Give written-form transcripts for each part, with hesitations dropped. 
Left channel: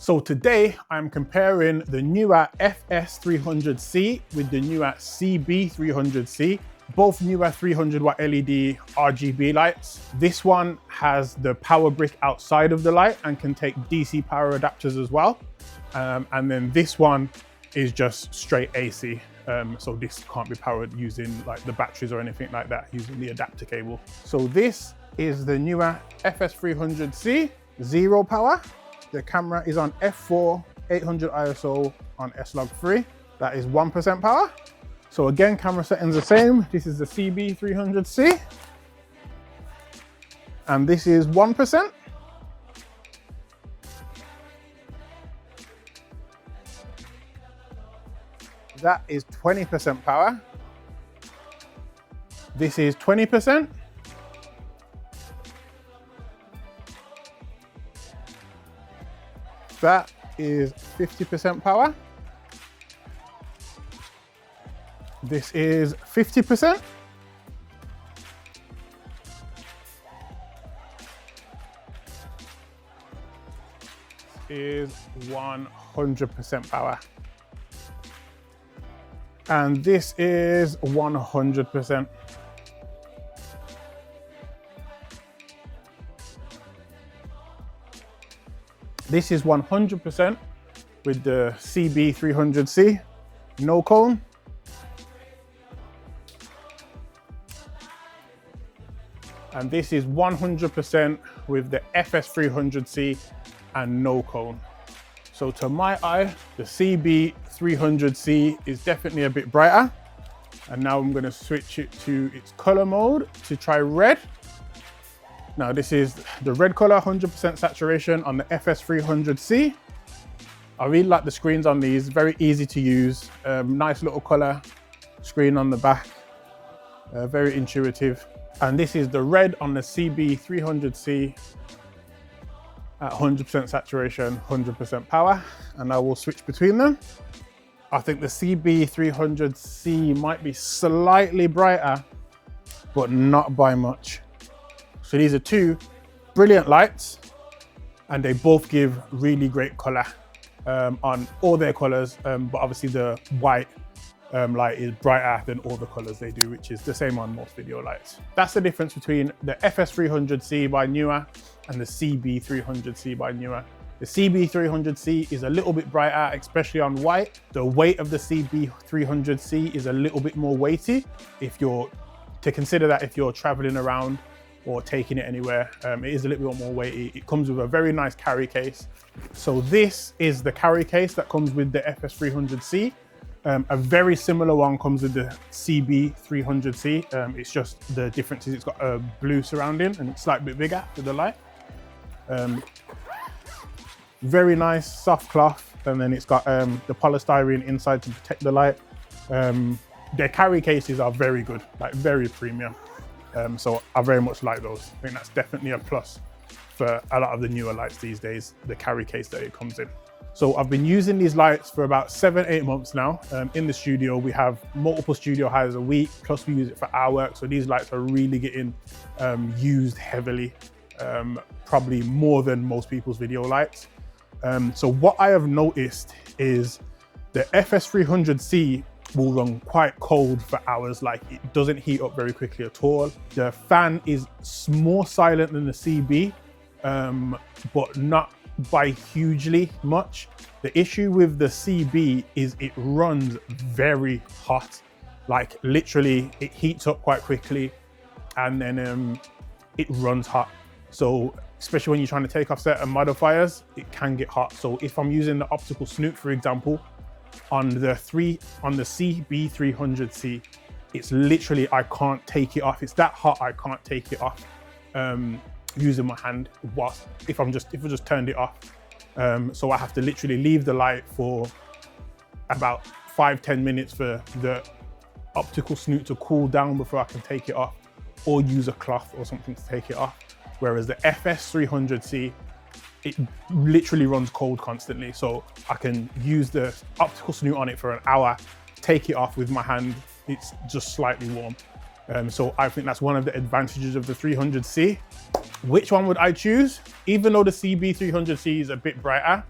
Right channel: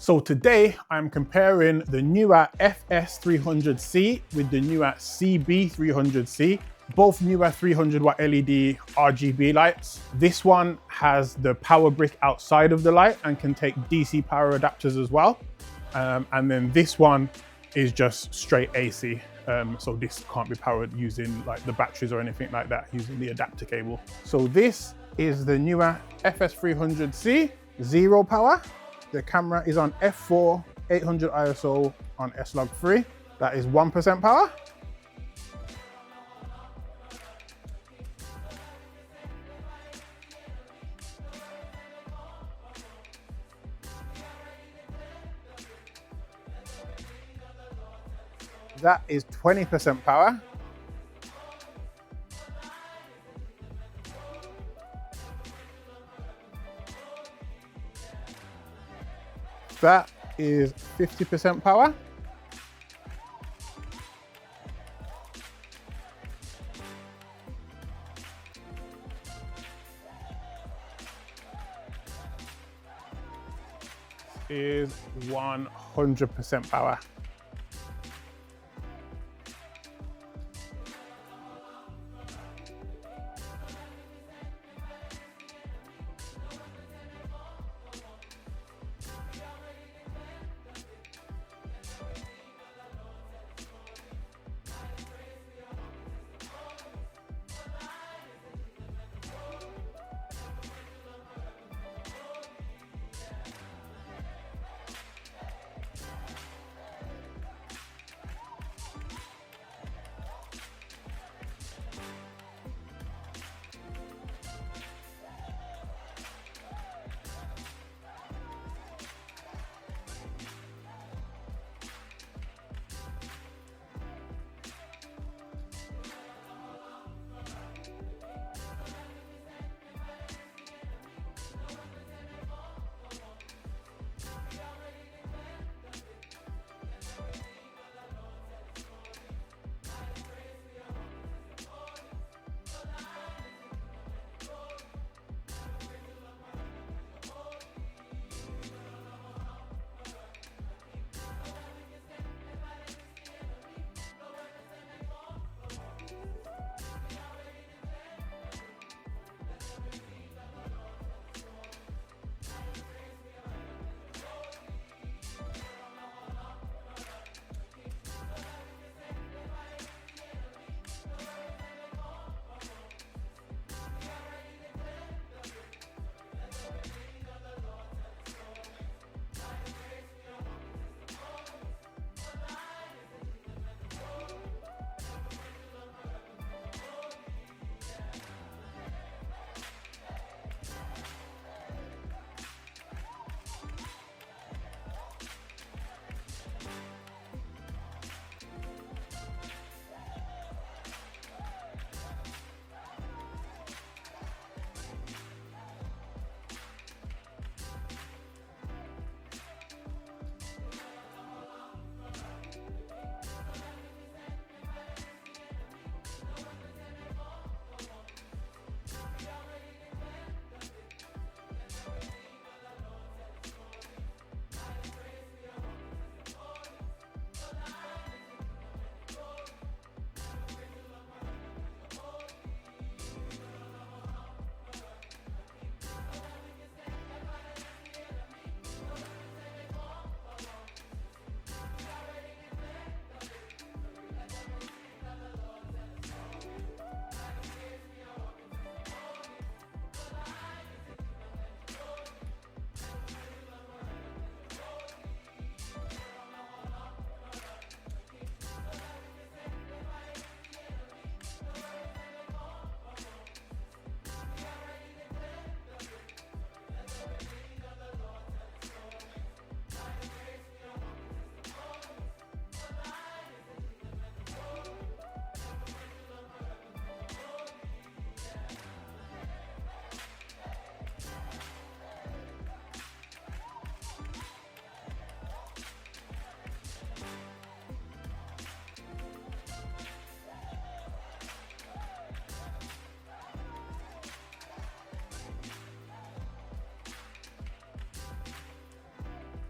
So today I'm comparing the Neewer FS300c with the Neewer CB300c, both Neewer 300 watt LED RGB lights. This one has the power brick outside of the light and can take DC power adapters as well. And then this one is just straight AC. So this can't be powered using like the batteries or anything like that, using the adapter cable. So this is the Neewer FS300c, zero power. The camera is on f4, 800 ISO on S-Log3. That is 1% power. So again, camera settings the same. This is the CB300c. And this is 1%. That is 20% power. This is 20%. That is 50% power. This is 50%. This is 100% power. And this is 100%. This is 100% with the CB300c, no cone. And this is 100% with the FS300c and no cone. So to my eye, the CB300c is definitely a bit brighter. And now I'm gonna switch it to its color mode to try red. Now this is the red color, 100% saturation on the FS300c. I really like the screens on these, very easy to use. Nice little color screen on the back, very intuitive. And this is the red on the CB300c at 100% saturation, 100% power. And I will switch between them. I think the CB300c might be slightly brighter, but not by much. So these are two brilliant lights and they both give really great color on all their colors, but obviously the white light is brighter than all the colors they do, which is the same on most video lights. That's the difference between the FS300c by Neewer and the CB300c by Neewer. The CB300c is a little bit brighter, especially on white. The weight of the CB300c is a little bit more weighty. If you're to consider that if you're traveling around or taking it anywhere, it is a little bit more weighty. It comes with a very nice carry case. So this is the carry case that comes with the FS300c. A very similar one comes with the CB300c. It's just the difference is it's got a blue surrounding and it's slightly bit bigger with the light. Very nice soft cloth, and then it's got the polystyrene inside to protect the light. Their carry cases are very good, like very premium. So I very much like those. I think that's definitely a plus for a lot of the newer lights these days, the carry case that it comes in. So I've been using these lights for about 7-8 months now. In the studio, we have multiple studio hires a week, plus we use it for our work. So these lights are really getting used heavily, probably more than most people's video lights. So what I have noticed is the FS300c will run quite cold for hours, like it doesn't heat up very quickly at all. The fan is more silent than the CB, but not by hugely much. The issue with the CB is it runs very hot, like literally it heats up quite quickly and then it runs hot. So especially when you're trying to take off certain modifiers, it can get hot. So if I'm using the optical snoot, for example, on the CB300c, it's literally, I can't take it off. It's that hot, I can't take it off using my hand if I just turned it off. So I have to literally leave the light for about 5-10 minutes for the optical snoot to cool down before I can take it off, or use a cloth or something to take it off. Whereas the FS300c, it literally runs cold constantly. So I can use the optical snoot on it for an hour, take it off with my hand, it's just slightly warm. So I think that's one of the advantages of the 300c. Which one would I choose? Even though the CB300c is a bit brighter,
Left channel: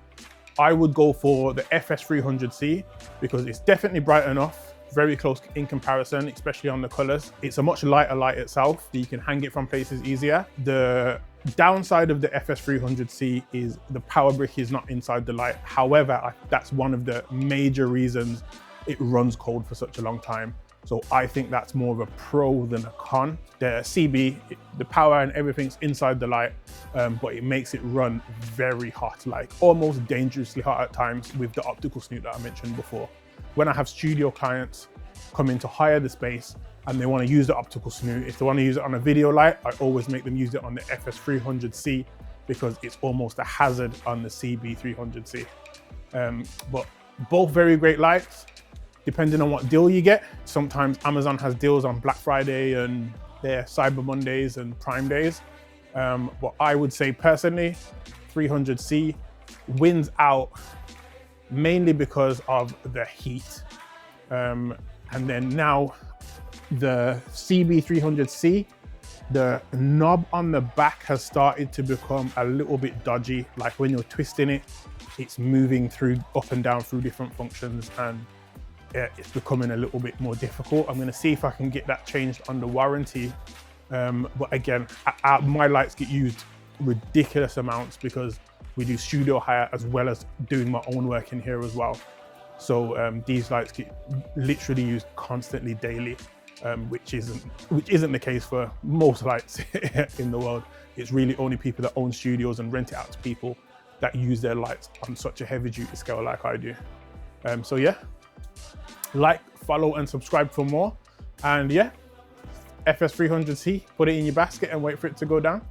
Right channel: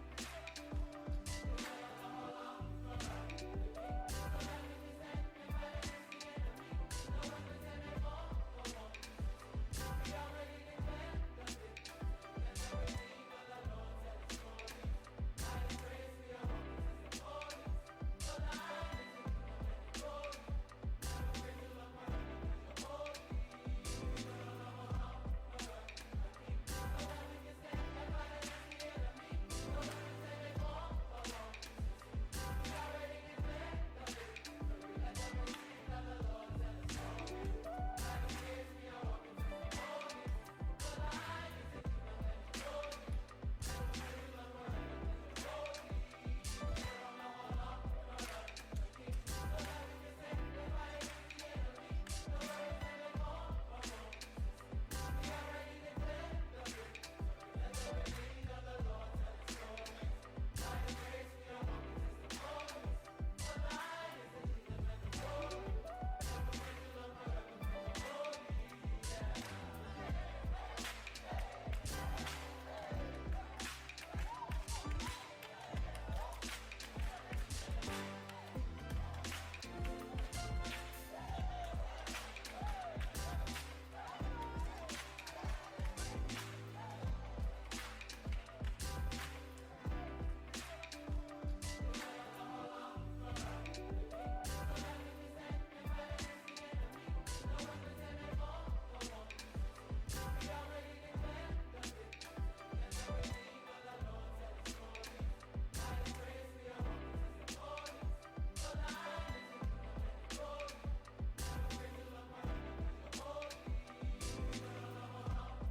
I would go for the FS300c because it's definitely bright enough, very close in comparison, especially on the colors. It's a much lighter light itself, so you can hang it from places easier. The downside of the FS300c is the power brick is not inside the light. However, that's one of the major reasons it runs cold for such a long time. So I think that's more of a pro than a con. The CB, the power and everything's inside the light, but it makes it run very hot, like almost dangerously hot at times with the optical snoot that I mentioned before. When I have studio clients come in to hire the space and they want to use the optical snoot, if they want to use it on a video light, I always make them use it on the FS300c because it's almost a hazard on the CB300c. But both very great lights, depending on what deal you get. Sometimes Amazon has deals on Black Friday and their Cyber Mondays and Prime Days. But I would say personally, 300c wins out mainly because of the heat. And then now the CB300c, the knob on the back has started to become a little bit dodgy. Like when you're twisting it, it's moving through up and down through different functions, and it's becoming a little bit more difficult. I'm gonna see if I can get that changed under warranty. But again, my lights get used ridiculous amounts because we do studio hire as well as doing my own work in here as well. So these lights get literally used constantly daily, which isn't the case for most lights in the world. It's really only people that own studios and rent it out to people that use their lights on such a heavy duty scale like I do. So yeah, like, follow and subscribe for more. And yeah, FS300c, put it in your basket and wait for it to go down.